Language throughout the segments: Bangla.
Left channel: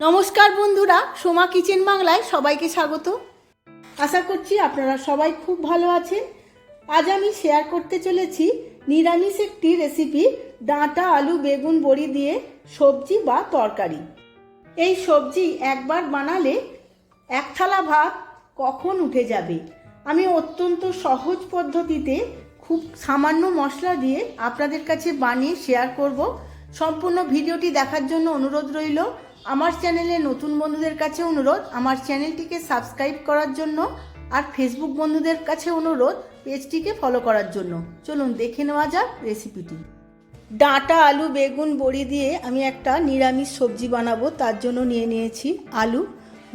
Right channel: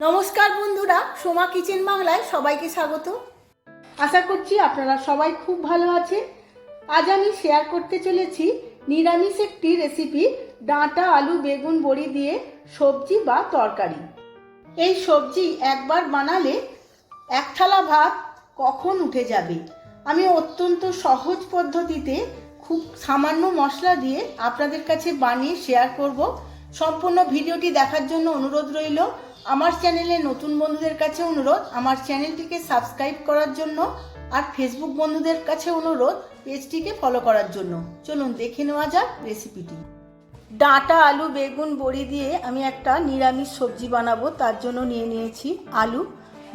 নমস্কার বন্ধুরা, সোমা কিচেন বাংলায় সবাইকে স্বাগত। আশা করছি আপনারা সবাই খুব ভালো আছেন। আজ আমি শেয়ার করতে চলেছি নিরামিষ একটি রেসিপি, ডাঁটা আলু বেগুন বড়ি দিয়ে সবজি বা তরকারি। এই সবজি একবার বানালে এক থালা ভাত কখন উঠে যাবে। আমি অত্যন্ত সহজ পদ্ধতিতে খুব সামান্য মশলা দিয়ে আপনাদের কাছে বানিয়ে শেয়ার করব। সম্পূর্ণ ভিডিওটি দেখার জন্য অনুরোধ রইল। আমার চ্যানেলে নতুন বন্ধুদের কাছে অনুরোধ আমার চ্যানেলটিকে সাবস্ক্রাইব করার জন্য, আর ফেসবুক বন্ধুদের কাছে অনুরোধ পেজটিকে ফলো করার জন্য। চলুন দেখে নেওয়া যাক রেসিপিটি। ডাঁটা আলু বেগুন বড়ি দিয়ে আমি একটা নিরামিষ সবজি বানাবো। তার জন্য নিয়ে নিয়েছি আলু,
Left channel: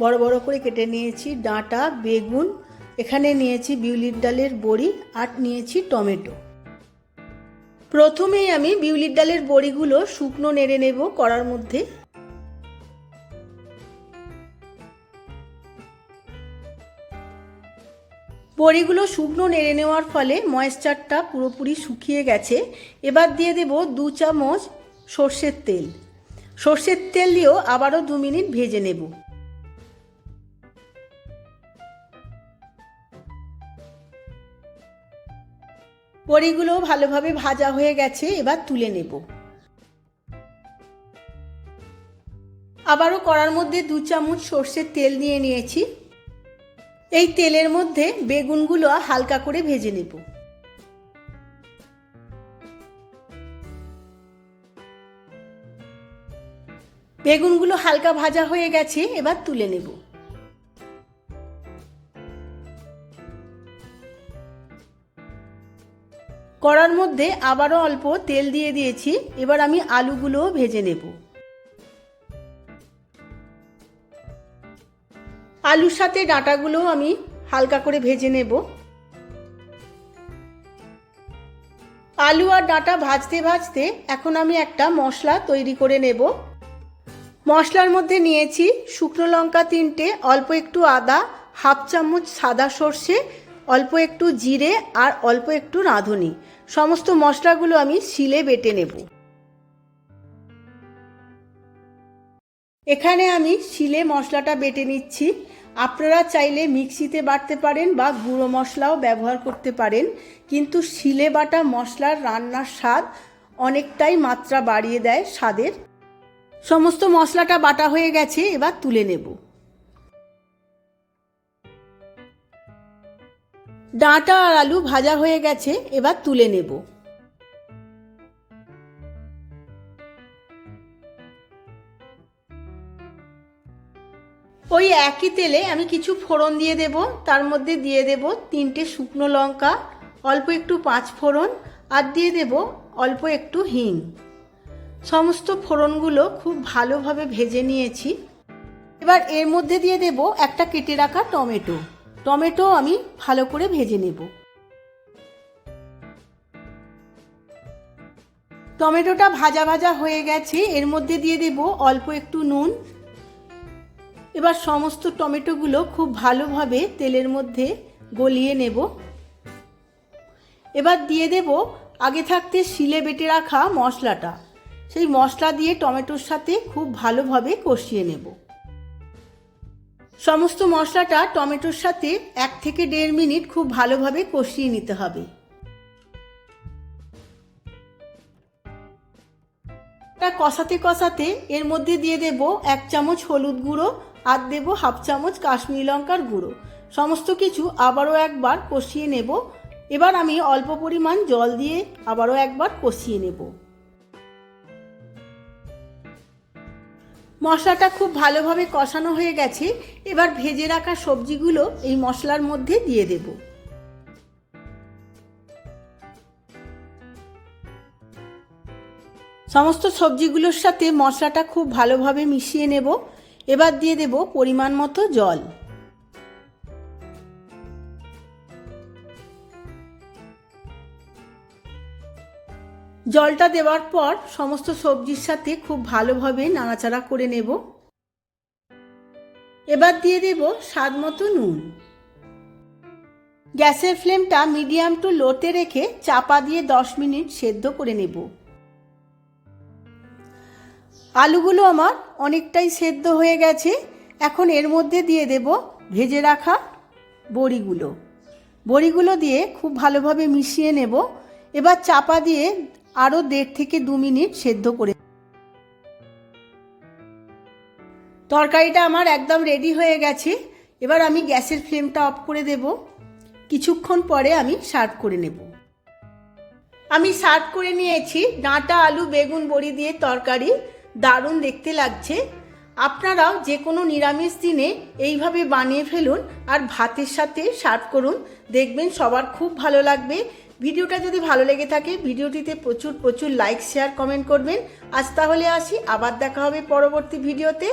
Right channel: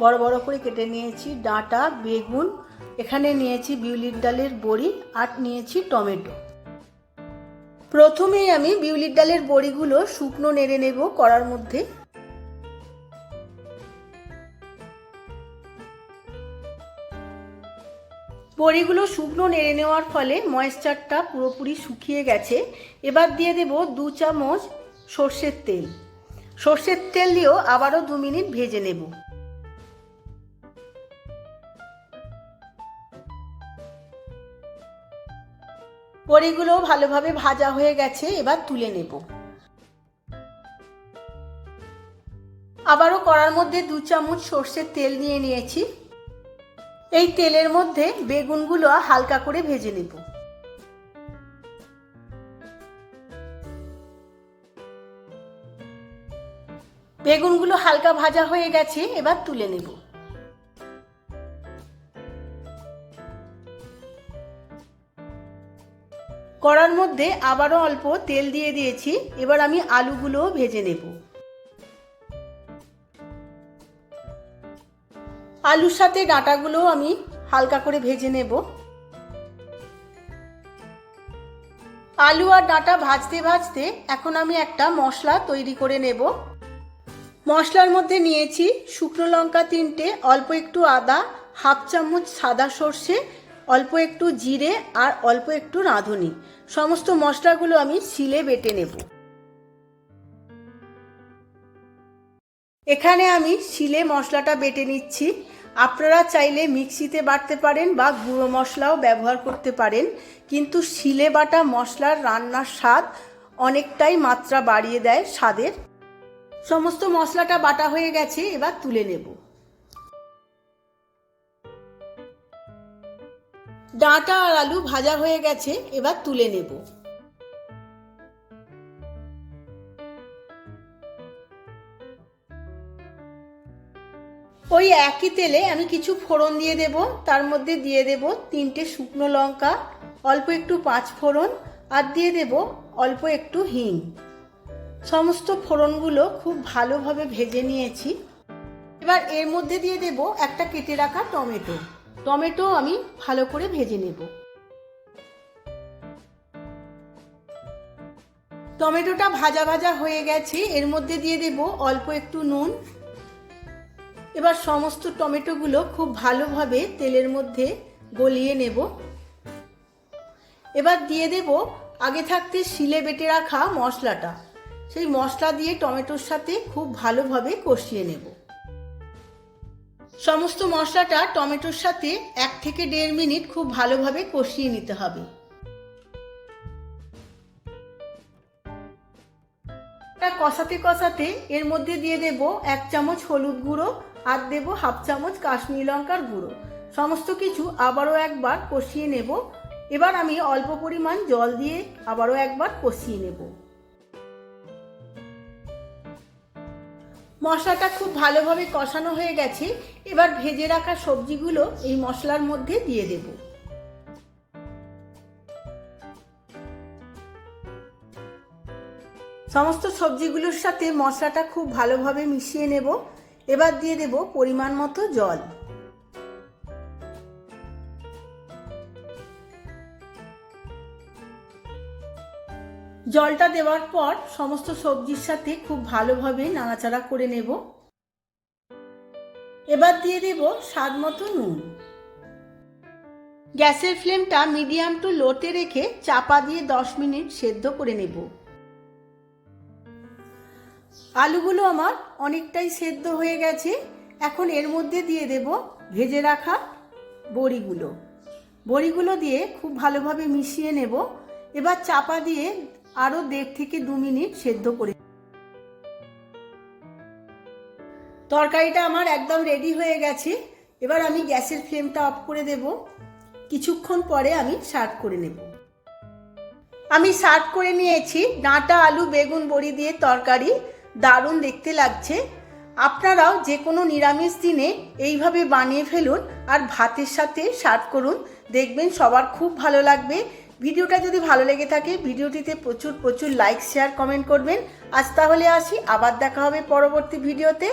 বড় বড় করে কেটে নিয়েছি, ডাঁটা বেগুন, এখানে নিয়েছি বিউলির ডালের বড়ি, আর নিয়েছি টমেটো। প্রথমেই আমি বিউলির ডালের বড়িগুলো শুকনো নেড়ে নেব কড়ার মধ্যে। বড়িগুলো শুকনো নেড়ে নেওয়ার ফলে ময়েশ্চারটা পুরোপুরি শুকিয়ে গেছে। এবার দিয়ে দেব 2 চামচ সর্ষের তেল। সর্ষের তেল দিয়েও আবারও 2 মিনিট ভেজে নেব। বড়িগুলো ভালোভাবে ভাজা হয়ে গেছে, এবার তুলে নেব। আবারও কড়ার মধ্যে 2 চামচ সর্ষের তেল নিয়ে নিয়েছি। এই তেলের মধ্যে বেগুনগুলো হালকা করে ভেজে নেব। বেগুনগুলো হালকা ভাজা হয়ে গেছে, এবার তুলে নেব। কড়ার মধ্যে আবারও অল্প তেল দিয়ে দিয়েছি। এবার আমি আলুগুলোও ভেজে নেব। আলুর সাথে ডাঁটাগুলোও আমি হালকা করে ভেজে নেব। আলু আর ডাঁটা ভাজতে ভাজতে এখন আমি একটা মশলা তৈরি করে নেব। মশলার মধ্যে নিয়েছি শুকনো লঙ্কা 3টে, অল্প একটু আদা, হাফ চামচ সাদা সর্ষে, অল্প একটু জিরে, আর অল্প একটু রাঁধুনি। সমস্ত মশলাগুলো আমি শিলে বেটে নেব। এখানে আমি শিলে মশলাটা বেটে নিচ্ছি। আপনারা চাইলে মিক্সিতে বাটতে পারেন বা গুঁড়ো মশলাও ব্যবহার করতে পারেন, কিন্তু শিলে বাটা মশলার রান্নার স্বাদ অনেকটাই মাত্রা বাড়িয়ে দেয় স্বাদের। সমস্ত মশলাটা বাটা হয়ে গেছে, এবার তুলে নেব। ডাঁটা আর আলু ভাজা হয়ে গেছে, এবার তুলে নেব। ওই একই তেলে আমি কিছু ফোড়ন দিয়ে দেব। তার মধ্যে দিয়ে দেব 3টে শুকনো লঙ্কা, অল্প একটু 5 ফোড়ন, আর দিয়ে দেব অল্প একটু হিং। সমস্ত ফোড়নগুলো খুব ভালোভাবে ভেজে নিয়েছি। এবার এর মধ্যে দিয়ে দেব একটা কেটে রাখা টমেটো। টমেটো আমি ভালো করে ভেজে নেব। টমেটোটা ভাজা ভাজা হয়ে গেছে, এর মধ্যে দিয়ে দেব অল্প একটু নুন। এবার সমস্ত টমেটোগুলো খুব ভালোভাবে তেলের মধ্যে গলিয়ে নেব। এবার দিয়ে দেব আগে থাকতে শিলে বেটে রাখা মশলাটা। সেই মশলা দিয়ে টমেটোর সাথে খুব ভালোভাবে কষিয়ে নেব। সমস্ত মশলাটা টমেটোর সাথে 1 থেকে 1.5 মিনিট খুব ভালোভাবে কষিয়ে নিতে হবে। কষাতে কষাতে এর মধ্যে দিয়ে দেব 1 চামচ হলুদ গুঁড়ো, আর দেব হাফ চামচ কাশ্মীরি লঙ্কার গুঁড়ো। সমস্ত কিছু আবারও একবার কষিয়ে নেব। এবার আমি অল্প পরিমাণ জল দিয়ে আবারও একবার কষিয়ে নেব। মশলাটা খুব ভালোভাবে কষানো হয়ে গেছে। এবার ভেজে রাখা সবজিগুলো এই মশলার মধ্যে দিয়ে দেব। সমস্ত সবজিগুলোর সাথে মশলাটা খুব ভালোভাবে মিশিয়ে নেব। এবার দিয়ে দেব পরিমাণ মতো জল। জলটা দেওয়ার পর সমস্ত সবজির সাথে খুব ভালোভাবে নাড়াচাড়া করে নেব। এবার দিয়ে দেব স্বাদ মতো নুন। গ্যাসের ফ্লেমটা মিডিয়াম টু লোতে রেখে চাপা দিয়ে 10 মিনিট সেদ্ধ করে নেব। আলুগুলো আমার অনেকটাই সেদ্ধ হয়ে গেছে। এখন এর মধ্যে দিয়ে দেব ভেজে রাখা বড়িগুলো। বড়িগুলো দিয়ে খুব ভালোভাবে মিশিয়ে নেব। এবার চাপা দিয়ে আরও 1.5 থেকে 2 মিনিট সেদ্ধ করে। তরকারিটা আমার একদম রেডি হয়ে গেছে। এবার আমি গ্যাসের ফ্লেমটা অফ করে দেব। কিছুক্ষণ পরে আমি সার্ভ করে নেব। আমি সার্ভ করে নিয়েছি ডাঁটা আলু বেগুন বড়ি দিয়ে তরকারি। দারুণ দেখতে লাগছে। আপনারাও যে কোনো নিরামিষ দিনে এইভাবে বানিয়ে ফেলুন আর ভাতের সাথে সার্ভ করুন, দেখবেন সবার খুব ভালো লাগবে। ভিডিওটা যদি ভালো লেগে থাকে ভিডিওটিতে প্রচুর লাইক শেয়ার কমেন্ট করবেন। আজ তাহলে আসি, আবার দেখা হবে পরবর্তী ভিডিওতে।